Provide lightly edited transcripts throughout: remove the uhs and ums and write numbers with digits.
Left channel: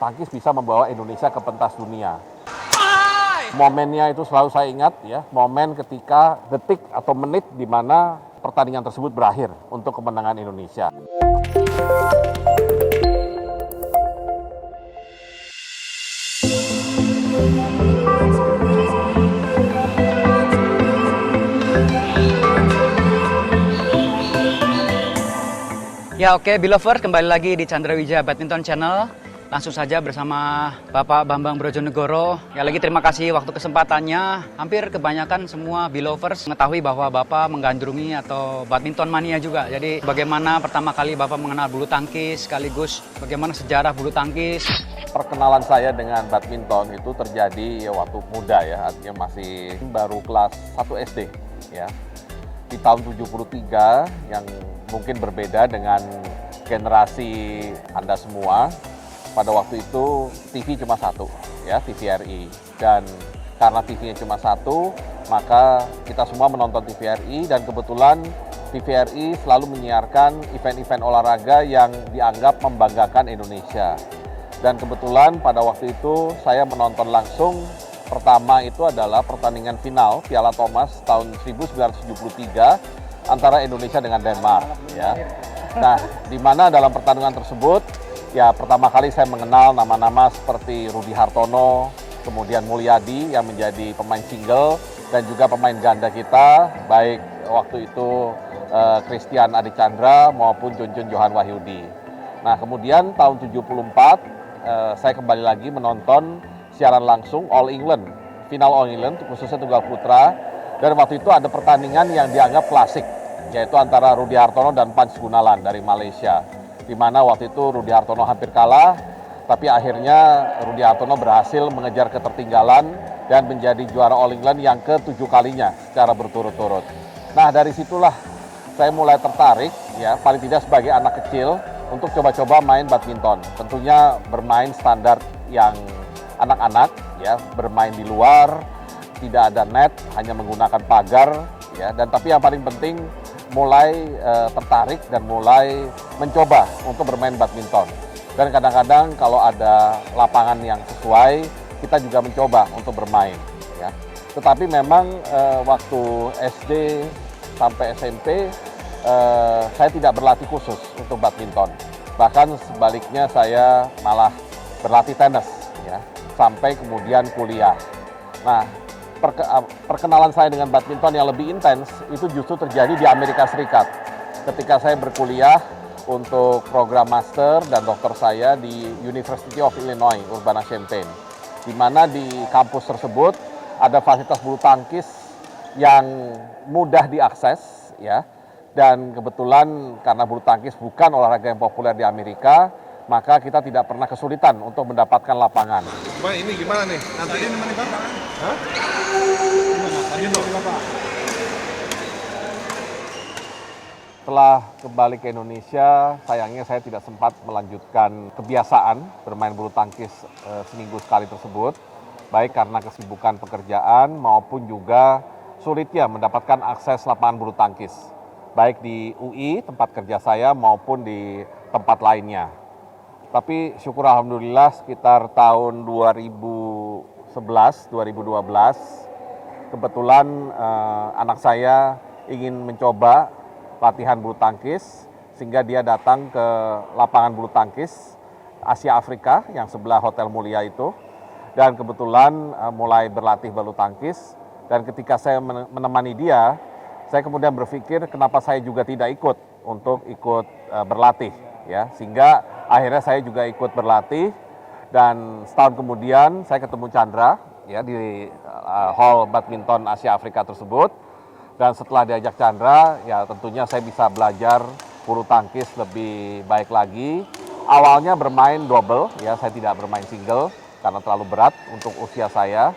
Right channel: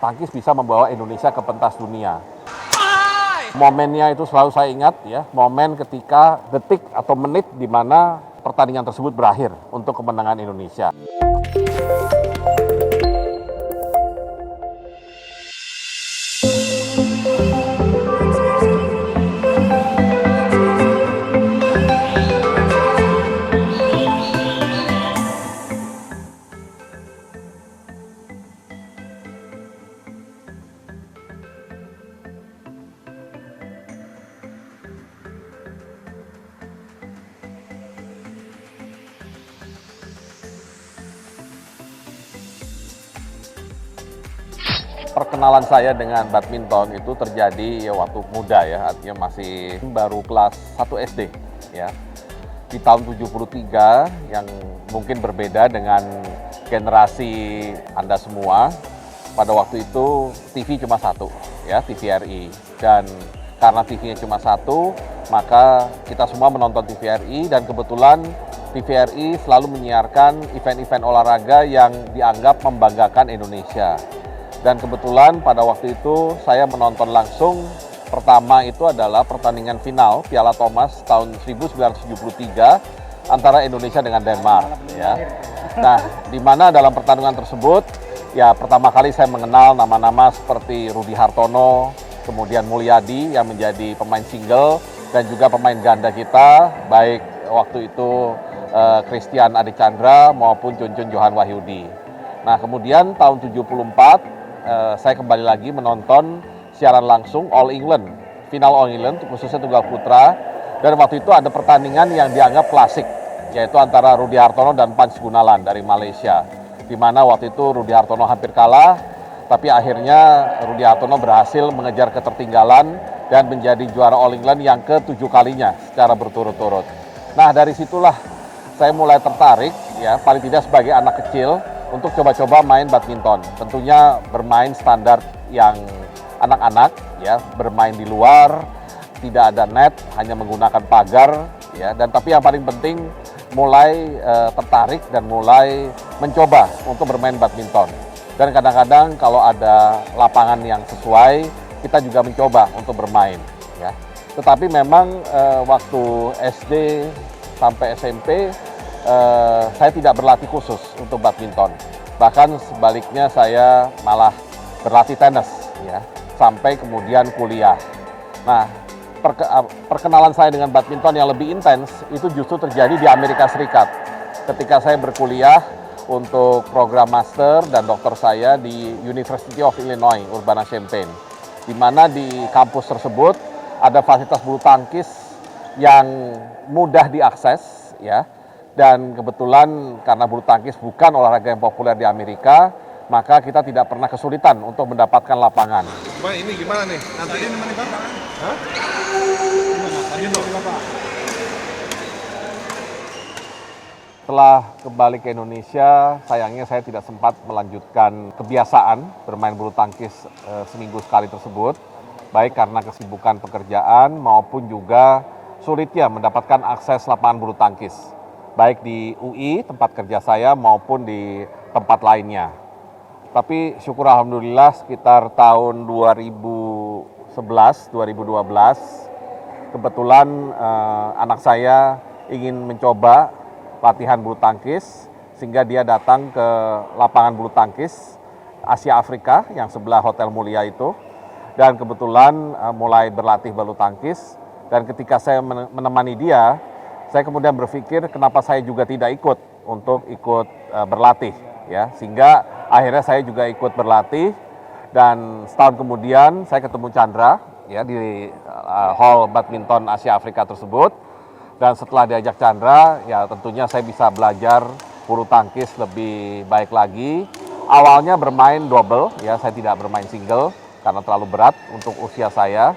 tangkis bisa membawa Indonesia ke pentas dunia. Momennya itu selalu saya ingat ya, momen ketika detik atau menit di mana pertandingan tersebut berakhir untuk kemenangan Indonesia. Ya oke, Belovers, kembali lagi di Chandra Wijaya Badminton Channel. Langsung saja bersama Bapak Bambang Brojonegoro. Ya lagi terima kasih waktu kesempatannya. Hampir kebanyakan semua Belovers mengetahui bahwa Bapak menggandrungi atau badminton mania juga. Jadi bagaimana pertama kali Bapak mengenal bulu tangkis, sekaligus bagaimana sejarah bulu tangkis. Perkenalan saya dengan badminton itu terjadi waktu muda ya, artinya masih baru kelas 1 SD ya. Di tahun 73 yang mungkin berbeda dengan generasi Anda semua. Pada waktu itu TV cuma satu, ya TVRI. Dan karena TV-nya cuma satu, maka kita semua menonton TVRI dan kebetulan TVRI selalu menyiarkan event-event olahraga yang dianggap membanggakan Indonesia. Dan kebetulan pada waktu itu saya menonton langsung. Pertama itu adalah pertandingan final Piala Thomas tahun 1973 antara Indonesia dengan Denmark. Ya. Nah, di mana dalam pertandingan tersebut, ya pertama kali saya mengenal nama-nama seperti Rudi Hartono, kemudian Mulyadi yang menjadi pemain single, dan juga pemain ganda kita, baik waktu itu Christian Adichandra maupun Junjun Johan Wahyudi. Nah, kemudian tahun 74, saya kembali lagi menonton siaran langsung All England, final All England, khususnya tunggal putra, dan waktu itu ada pertandingan yang dianggap klasik, yaitu antara Rudi Hartono dan Panch Gunalan dari Malaysia, di mana waktu itu Rudi Hartono hampir kalah, tapi akhirnya Rudi Hartono berhasil mengejar ketertinggalan dan menjadi juara All England yang ke-7 kalinya secara berturut-turut. Nah, dari situlah saya mulai tertarik, ya paling tidak sebagai anak kecil, untuk coba-coba main badminton. Tentunya bermain standar yang anak-anak, ya bermain di luar, tidak ada net, hanya menggunakan pagar, ya. Dan tapi yang paling penting mulai tertarik dan mulai mencoba untuk bermain badminton. Dan kadang-kadang kalau ada lapangan yang sesuai, kita juga mencoba untuk bermain. Ya. Tetapi memang waktu SD sampai SMP, saya tidak berlatih khusus untuk badminton. Bahkan sebaliknya saya malah berlatih tenis, ya, sampai kemudian kuliah. Nah, perkenalan saya dengan badminton yang lebih intens itu justru terjadi di Amerika Serikat. Ketika saya berkuliah untuk program master dan doktor saya di University of Illinois, Urbana-Champaign, di mana di kampus tersebut ada fasilitas bulu tangkis yang mudah diakses, ya. Dan kebetulan karena bulu tangkis bukan olahraga yang populer di Amerika, maka kita tidak pernah kesulitan untuk mendapatkan lapangan. Bang, ini gimana nih? Nanti ini nemenin Bapak? Hah? Gimana? Tadi nemenin Bapak? Setelah kembali ke Indonesia, sayangnya saya tidak sempat melanjutkan kebiasaan bermain bulu tangkis seminggu sekali tersebut, baik karena kesibukan pekerjaan maupun juga sulitnya mendapatkan akses lapangan bulu tangkis, baik di UI, tempat kerja saya, maupun di tempat lainnya. Tapi syukur alhamdulillah sekitar tahun 2011, 2012, kebetulan anak saya ingin mencoba latihan bulu tangkis, sehingga dia datang ke lapangan bulu tangkis Asia Afrika yang sebelah Hotel Mulia itu, dan kebetulan mulai berlatih bulu tangkis. Dan ketika saya menemani dia, saya kemudian berpikir kenapa saya juga tidak ikut berlatih, ya, sehingga akhirnya saya juga ikut berlatih. Dan setahun kemudian saya ketemu Chandra, ya, di hall badminton Asia Afrika tersebut. Dan setelah diajak Chandra, ya tentunya saya bisa belajar bulu tangkis lebih baik lagi. Awalnya bermain double, ya, saya tidak bermain single karena terlalu berat untuk usia saya.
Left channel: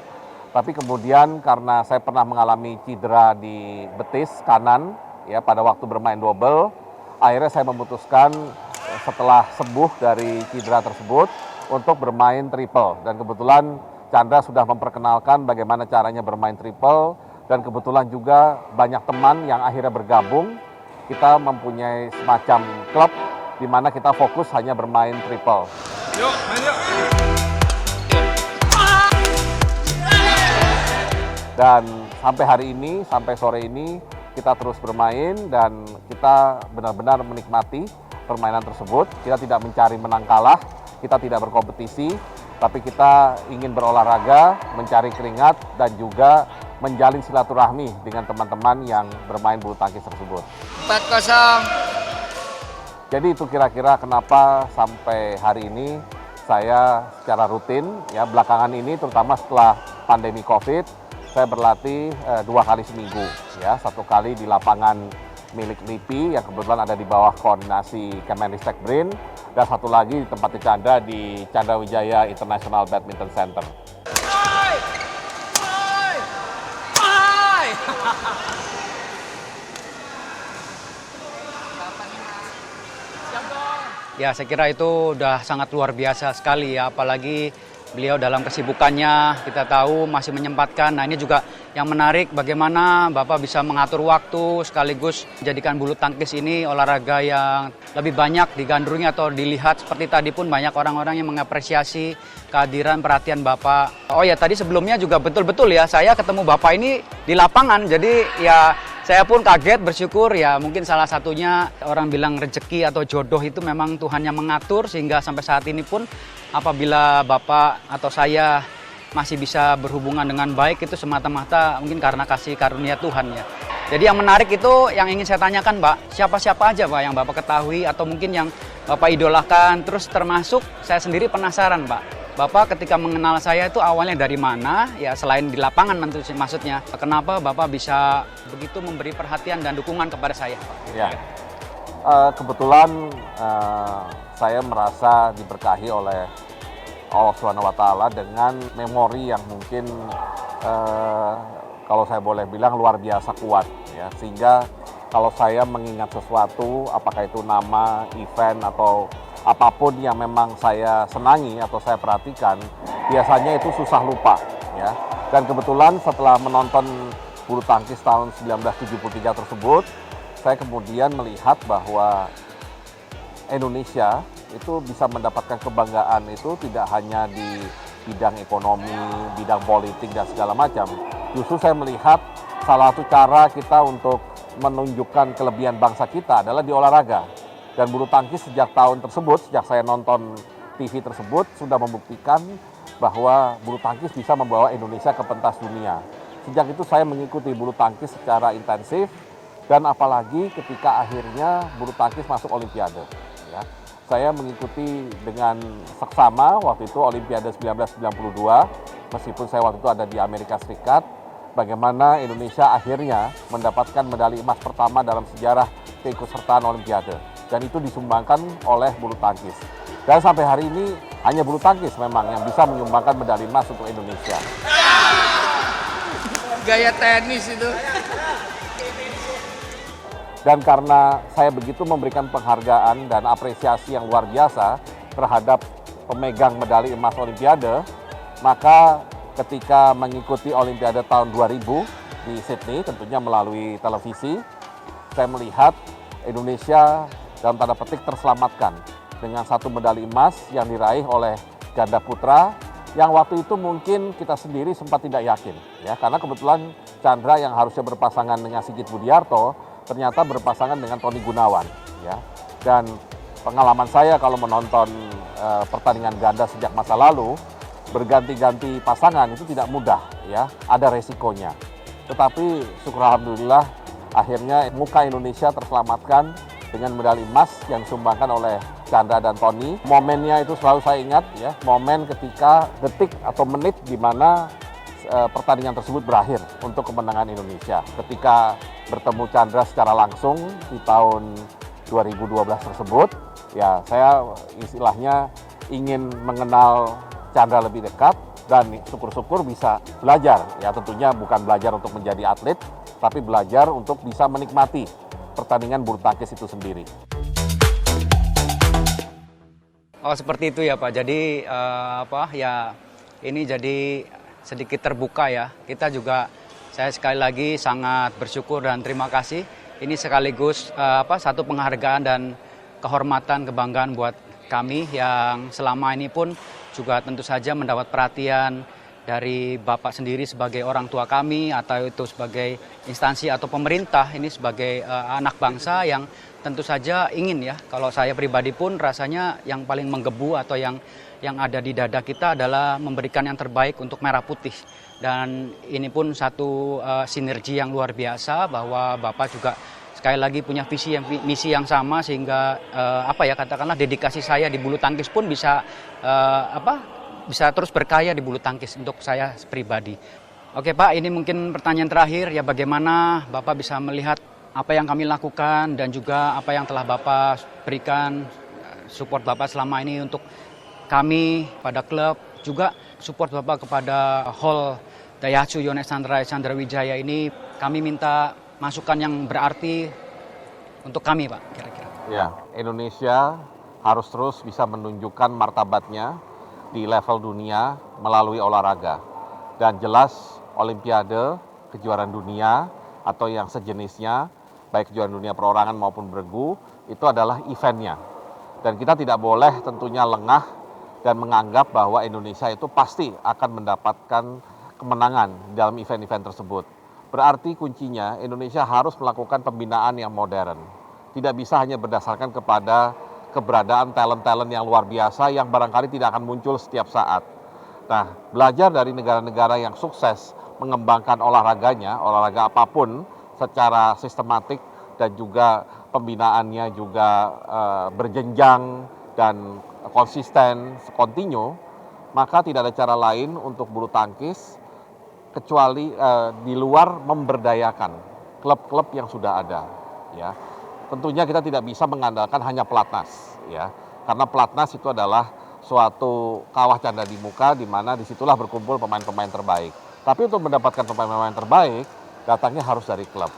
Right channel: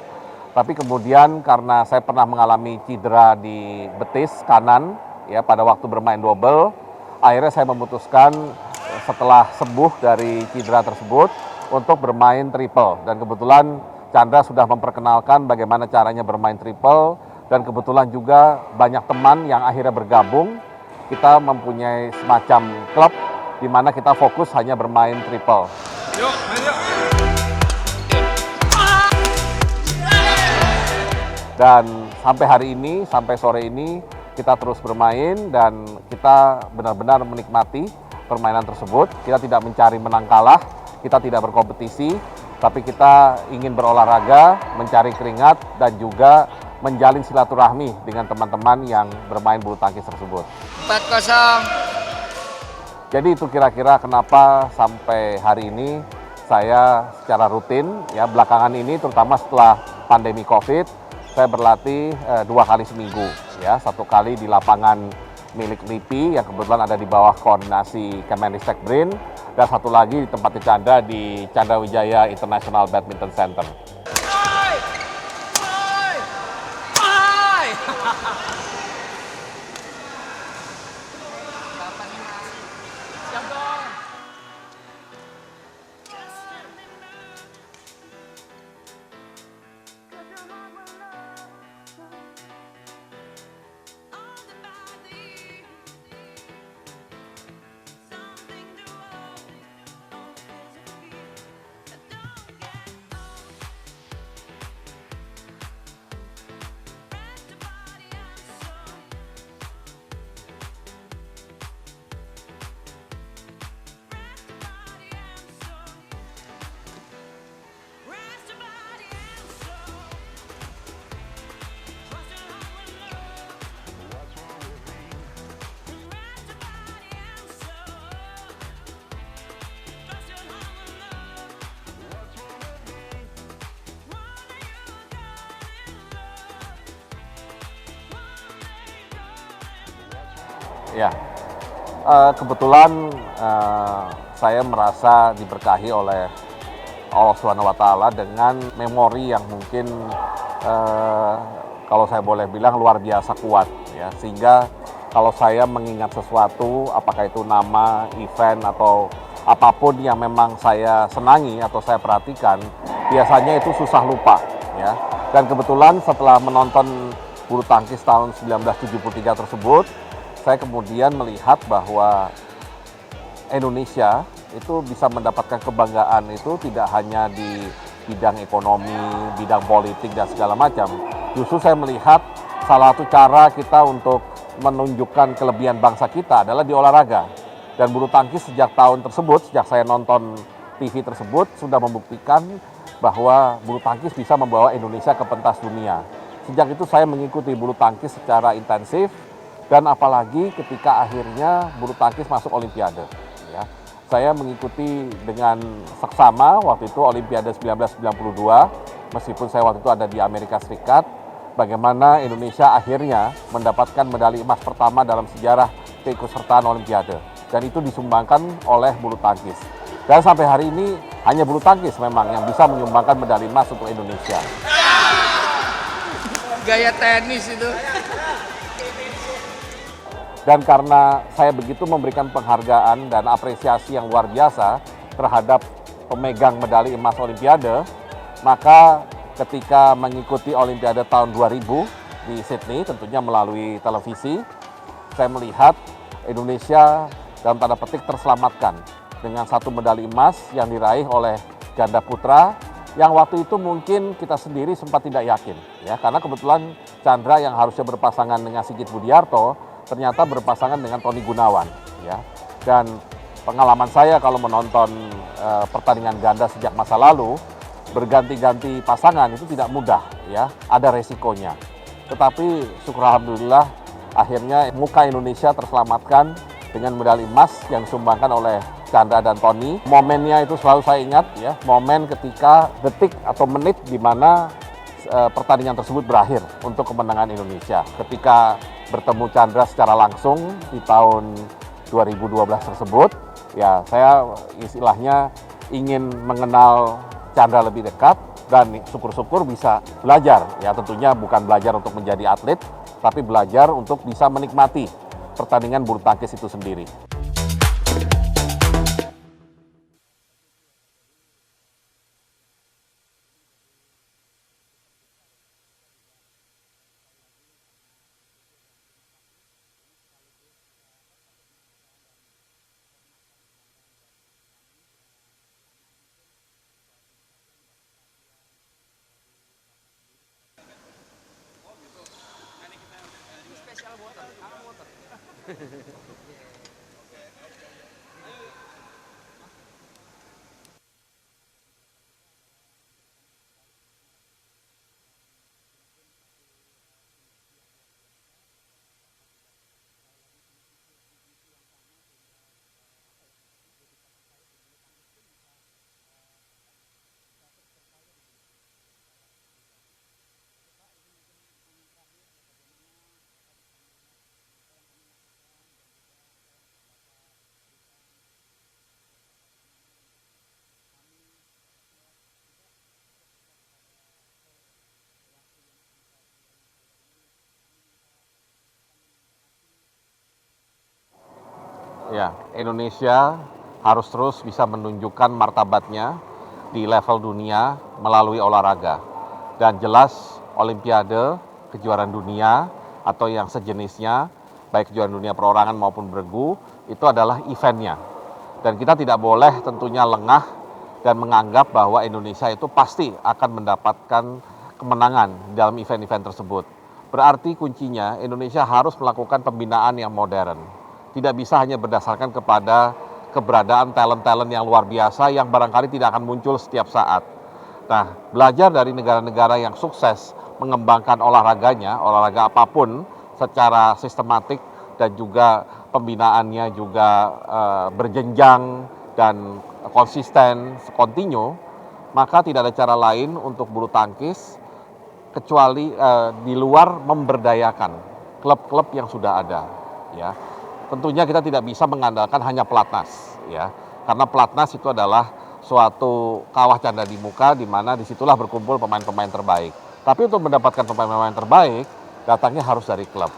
Tapi kemudian karena saya pernah mengalami cedera di betis kanan, ya, pada waktu bermain double, akhirnya saya memutuskan setelah sembuh dari cedera tersebut untuk bermain triple. Dan kebetulan Chandra sudah memperkenalkan bagaimana caranya bermain triple, dan kebetulan juga banyak teman yang akhirnya bergabung. Kita mempunyai semacam klub di mana kita fokus hanya bermain triple. Yuk, main yuk. Dan sampai hari ini, sampai sore ini, kita terus bermain dan kita benar-benar menikmati permainan tersebut. Kita tidak mencari menang kalah, kita tidak berkompetisi, tapi kita ingin berolahraga, mencari keringat, dan juga menjalin silaturahmi dengan teman-teman yang bermain bulu tangkis tersebut. 4-0. Jadi itu kira-kira kenapa sampai hari ini saya secara rutin, ya belakangan ini terutama setelah pandemi COVID, saya berlatih 2 kali seminggu, ya 1 kali di lapangan milik RIPI yang kebetulan ada di bawah koordinasi Kemenristek BRIN, dan 1 lagi di tempat Chandra di Chandra Wijaya International Badminton Center. Ya, saya kira itu udah sangat luar biasa sekali ya, apalagi beliau dalam kesibukannya kita tahu masih menyempatkan. Nah, ini juga yang menarik bagaimana Bapak bisa mengatur waktu sekaligus menjadikan bulu tangkis ini olahraga yang lebih banyak digandrungi atau dilihat. Seperti tadi pun banyak orang-orang yang mengapresiasi kehadiran perhatian Bapak. Oh ya, tadi sebelumnya juga betul-betul ya saya ketemu Bapak ini di lapangan. Jadi ya saya pun kaget, bersyukur ya, mungkin salah satunya orang bilang rezeki atau jodoh itu memang Tuhan yang mengatur sehingga sampai saat ini pun apabila Bapak atau saya masih bisa berhubungan dengan baik itu semata-mata mungkin karena kasih karunia Tuhan ya. Jadi yang menarik itu yang ingin saya tanyakan Pak, siapa-siapa aja Pak yang Bapak ketahui atau mungkin yang Bapak idolakan, terus termasuk saya sendiri penasaran Pak. Bapak ketika mengenal saya itu awalnya dari mana, ya selain di lapangan tentu maksudnya. Kenapa Bapak bisa begitu memberi perhatian dan dukungan kepada saya? Ya, kebetulan saya merasa diberkahi oleh Allah Subhanahu wa Ta'ala dengan memori yang mungkin kalau saya boleh bilang luar biasa kuat ya, sehingga kalau saya mengingat sesuatu apakah itu nama, event atau apapun yang memang saya senangi atau saya perhatikan, biasanya itu susah lupa ya. Dan kebetulan setelah menonton bulu tangkis tahun 1973 tersebut, saya kemudian melihat bahwa Indonesia itu bisa mendapatkan kebanggaan itu tidak hanya di bidang ekonomi, bidang politik dan segala macam. Justru saya melihat salah satu cara kita untuk menunjukkan kelebihan bangsa kita adalah di olahraga. Dan bulu tangkis sejak tahun tersebut, sejak saya nonton TV tersebut, sudah membuktikan bahwa bulu tangkis bisa membawa Indonesia ke pentas dunia. Sejak itu saya mengikuti bulu tangkis secara intensif, dan apalagi ketika akhirnya bulu tangkis masuk Olimpiade. Ya. Saya mengikuti dengan seksama waktu itu Olimpiade 1992, meskipun saya waktu itu ada di Amerika Serikat, bagaimana Indonesia akhirnya mendapatkan medali emas pertama dalam sejarah keikutsertaan Olimpiade. Dan itu disumbangkan oleh bulu tangkis. Dan sampai hari ini hanya bulu tangkis memang yang bisa menyumbangkan medali emas untuk Indonesia. Gaya tenis itu. Dan karena saya begitu memberikan penghargaan dan apresiasi yang luar biasa terhadap pemegang medali emas Olimpiade, maka ketika mengikuti Olimpiade tahun 2000 di Sydney, tentunya melalui televisi, saya melihat Indonesia dalam tanda petik terselamatkan dengan 1 medali emas yang diraih oleh ganda putra yang waktu itu mungkin kita sendiri sempat tidak yakin ya, karena kebetulan Chandra yang harusnya berpasangan dengan Sigit Budiarto ternyata berpasangan dengan Tony Gunawan ya. Dan pengalaman saya kalau menonton pertandingan ganda sejak masa lalu, berganti-ganti pasangan itu tidak mudah ya, ada resikonya. Tetapi syukur alhamdulillah akhirnya muka Indonesia terselamatkan dengan medali emas yang disumbangkan oleh Chandra dan Tony. Momennya itu selalu saya ingat ya, momen ketika detik atau menit di mana pertandingan tersebut berakhir untuk kemenangan Indonesia. Ketika bertemu Chandra secara langsung di tahun 2012 tersebut, ya saya istilahnya ingin mengenal Chandra lebih dekat dan syukur-syukur bisa belajar. Ya tentunya bukan belajar untuk menjadi atlet, tapi belajar untuk bisa menikmati pertandingan bulu tangkis itu sendiri. Oh seperti itu ya Pak. Jadi ini jadi sedikit terbuka ya. Kita juga saya sekali lagi sangat bersyukur dan terima kasih. Ini sekaligus satu penghargaan dan kehormatan, kebanggaan buat kami yang selama ini pun juga tentu saja mendapat perhatian dari Bapak sendiri sebagai orang tua kami atau itu sebagai instansi atau pemerintah, ini sebagai anak bangsa yang tentu saja ingin ya, kalau saya pribadi pun rasanya yang paling menggebu atau yang ada di dada kita adalah memberikan yang terbaik untuk Merah Putih. Dan ini pun satu sinergi yang luar biasa bahwa Bapak juga sekali lagi punya misi yang sama sehingga katakanlah dedikasi saya di bulu tangkis pun bisa terus berkarya di bulu tangkis untuk saya pribadi. Oke Pak, ini mungkin pertanyaan terakhir ya, bagaimana Bapak bisa melihat apa yang kami lakukan dan juga apa yang telah Bapak berikan, support Bapak selama ini untuk kami pada klub, juga support Bapak kepada Hall Daihatsu Yonex Candrawijaya ini. Kami minta masukan yang berarti untuk kami Pak, kira-kira. Ya, Indonesia harus terus bisa menunjukkan martabatnya di level dunia melalui olahraga. Dan jelas Olimpiade, kejuaraan dunia atau yang sejenisnya, baik kejuaraan dunia perorangan maupun bergu, itu adalah eventnya. Dan kita tidak boleh tentunya lengah dan menganggap bahwa Indonesia itu pasti akan mendapatkan kemenangan dalam event-event tersebut. Berarti kuncinya Indonesia harus melakukan pembinaan yang modern. Tidak bisa hanya berdasarkan kepada keberadaan talent-talent yang luar biasa yang barangkali tidak akan muncul setiap saat. Nah, belajar dari negara-negara yang sukses mengembangkan olahraganya, olahraga apapun secara sistematik dan juga pembinaannya juga berjenjang dan konsisten, kontinu, maka tidak ada cara lain untuk bulu tangkis kecuali di luar memberdayakan klub-klub yang sudah ada, ya. Tentunya kita tidak bisa mengandalkan hanya pelatnas, ya, karena pelatnas itu adalah suatu kawah canda di muka, di mana disitulah berkumpul pemain-pemain terbaik. Tapi untuk mendapatkan pemain-pemain terbaik, datangnya harus dari klub.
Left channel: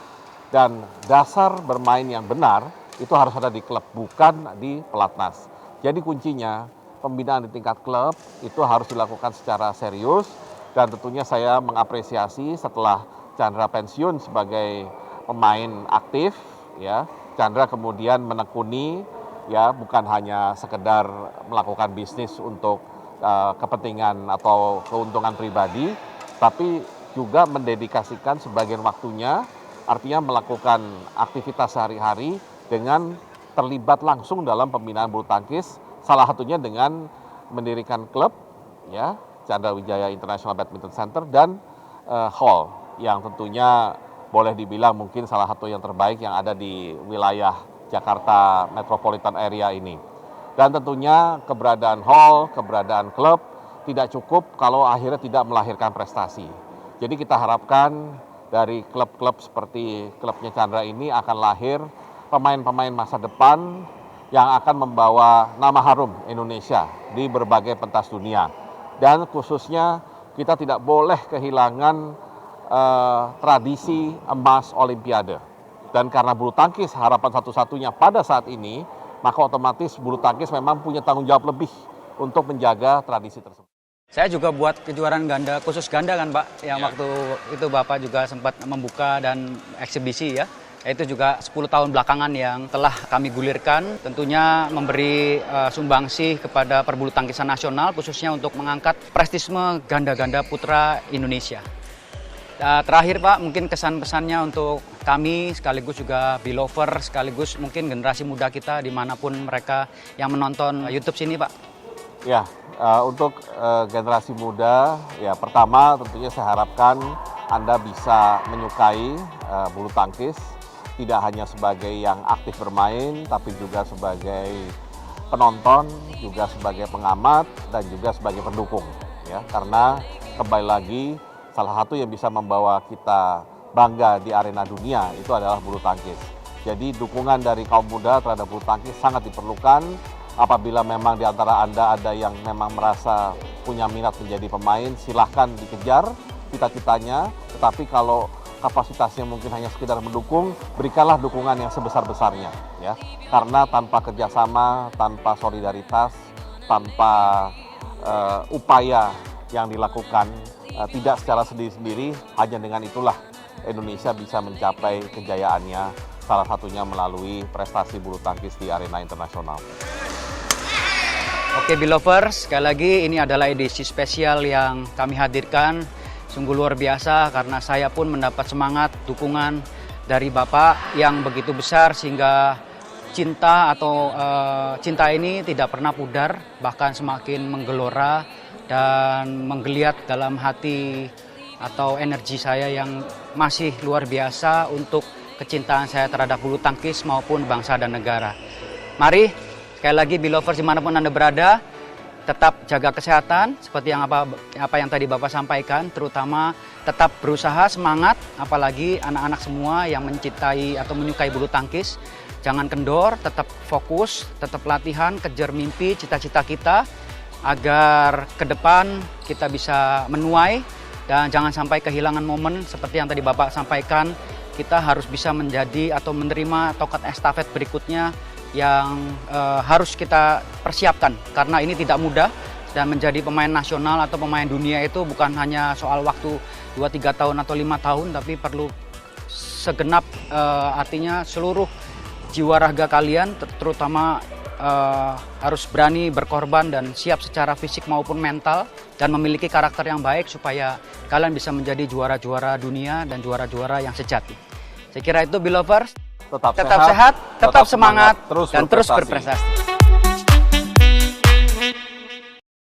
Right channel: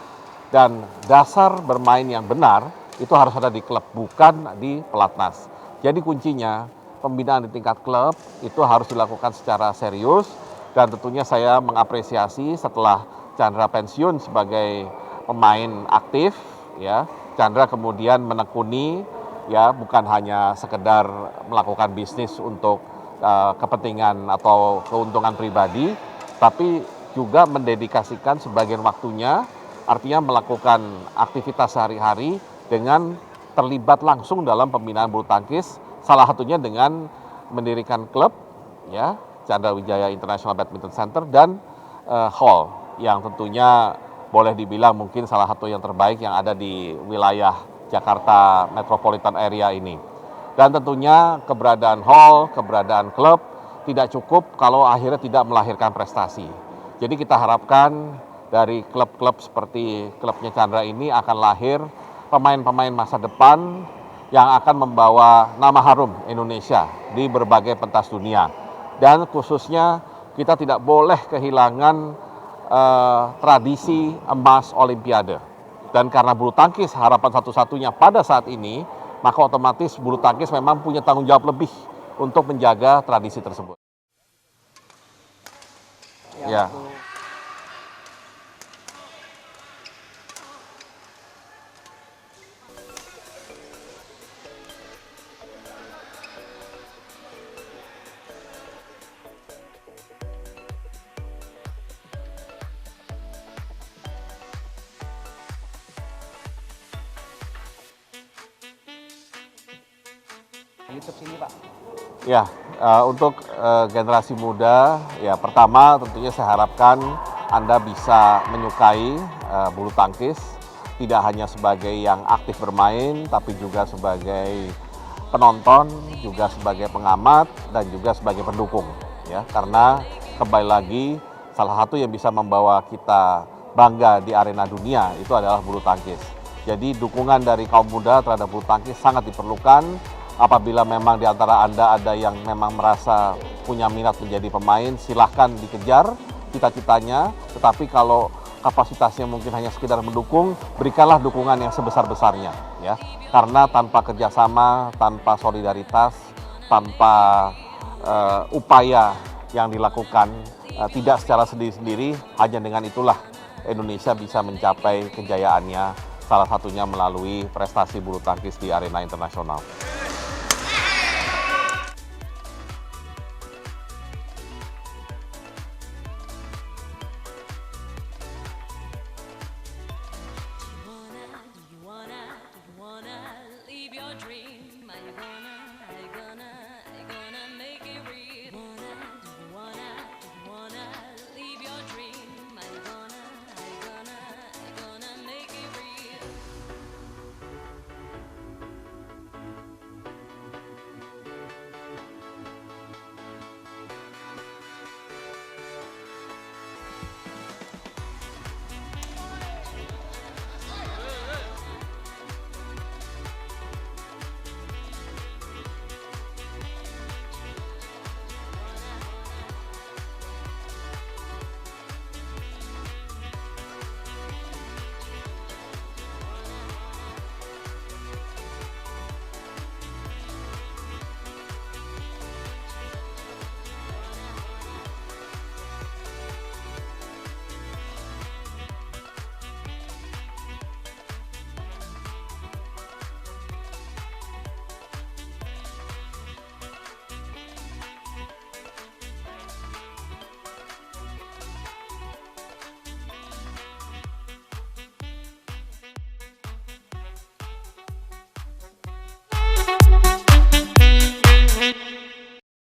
Dan dasar bermain yang benar itu harus ada di klub, bukan di pelatnas. Jadi kuncinya pembinaan di tingkat klub itu harus dilakukan secara serius, dan tentunya saya mengapresiasi setelah Chandra pensiun sebagai pemain aktif, ya. Chandra kemudian menekuni, ya, bukan hanya sekedar melakukan bisnis untuk kepentingan atau keuntungan pribadi, tapi juga mendedikasikan sebagian waktunya, artinya melakukan aktivitas sehari-hari dengan terlibat langsung dalam pembinaan bulu tangkis, salah satunya dengan mendirikan klub, ya, Candrawijaya International Badminton Center dan hall yang tentunya boleh dibilang mungkin salah satu yang terbaik yang ada di wilayah Jakarta Metropolitan Area ini. Dan tentunya keberadaan hall, keberadaan klub tidak cukup kalau akhirnya tidak melahirkan prestasi. Jadi kita harapkan dari klub-klub seperti klubnya Chandra ini akan lahir pemain-pemain masa depan yang akan membawa nama harum Indonesia di berbagai pentas dunia. Dan khususnya kita tidak boleh kehilangan tradisi emas Olimpiade. Dan karena bulu tangkis harapan satu-satunya pada saat ini, maka otomatis bulu tangkis memang punya tanggung jawab lebih untuk menjaga tradisi tersebut. Saya juga buat kejuaraan ganda, khusus ganda kan Pak, Ya. yang waktu itu Bapak juga sempat membuka dan eksibisi ya. Itu juga 10 tahun belakangan yang telah kami gulirkan, tentunya memberi sumbangsih kepada perbulu tangkisan nasional, khususnya untuk mengangkat prestisme ganda-ganda putra Indonesia. Terakhir Pak, mungkin kesan-pesannya untuk kami, sekaligus juga Belover, sekaligus mungkin generasi muda kita dimanapun mereka yang menonton YouTube sini Pak. Ya, untuk generasi muda, ya pertama tentunya saya harapkan Anda bisa menyukai bulu tangkis, tidak hanya sebagai yang aktif bermain, tapi juga sebagai penonton, juga sebagai pengamat, dan juga sebagai pendukung. Ya, karena kembali lagi, salah satu yang bisa membawa kita bangga di arena dunia itu adalah bulu tangkis. Jadi dukungan dari kaum muda terhadap bulu tangkis sangat diperlukan. Apabila memang di antara Anda ada yang memang merasa punya minat menjadi pemain, silahkan dikejar cita-citanya. Tetapi kalau kapasitasnya mungkin hanya sekedar mendukung, berikanlah dukungan yang sebesar-besarnya, ya. Karena tanpa kerjasama, tanpa solidaritas, tanpa upaya yang dilakukan, tidak secara sendiri-sendiri, hanya dengan itulah Indonesia bisa mencapai kejayaannya, salah satunya melalui prestasi bulu tangkis di arena internasional. Oke, Belovers, sekali lagi ini adalah edisi spesial yang kami hadirkan. Sungguh luar biasa karena saya pun mendapat semangat, dukungan dari Bapak yang begitu besar sehingga cinta atau cinta ini tidak pernah pudar, bahkan semakin menggelora dan menggeliat dalam hati atau energi saya yang masih luar biasa untuk kecintaan saya terhadap bulu tangkis maupun bangsa dan negara. Mari, sekali lagi Belovers dimanapun Anda berada, tetap jaga kesehatan seperti yang apa yang tadi Bapak sampaikan, terutama tetap berusaha, semangat, apalagi anak-anak semua yang mencintai atau menyukai bulu tangkis. Jangan kendor, tetap fokus, tetap latihan, kejar mimpi, cita-cita kita agar ke depan kita bisa menuai dan jangan sampai kehilangan momen seperti yang tadi Bapak sampaikan. Kita harus bisa menjadi atau menerima tongkat estafet berikutnya yang harus kita persiapkan karena ini tidak mudah dan menjadi pemain nasional atau pemain dunia itu bukan hanya soal waktu 2-3 tahun atau 5 tahun tapi perlu segenap artinya seluruh jiwa raga kalian terutama harus berani berkorban dan siap secara fisik maupun mental dan memiliki karakter yang baik supaya kalian bisa menjadi juara-juara dunia dan juara-juara yang sejati. Saya kira itu Belovers. Tetap sehat, tetap semangat, dan terus berprestasi.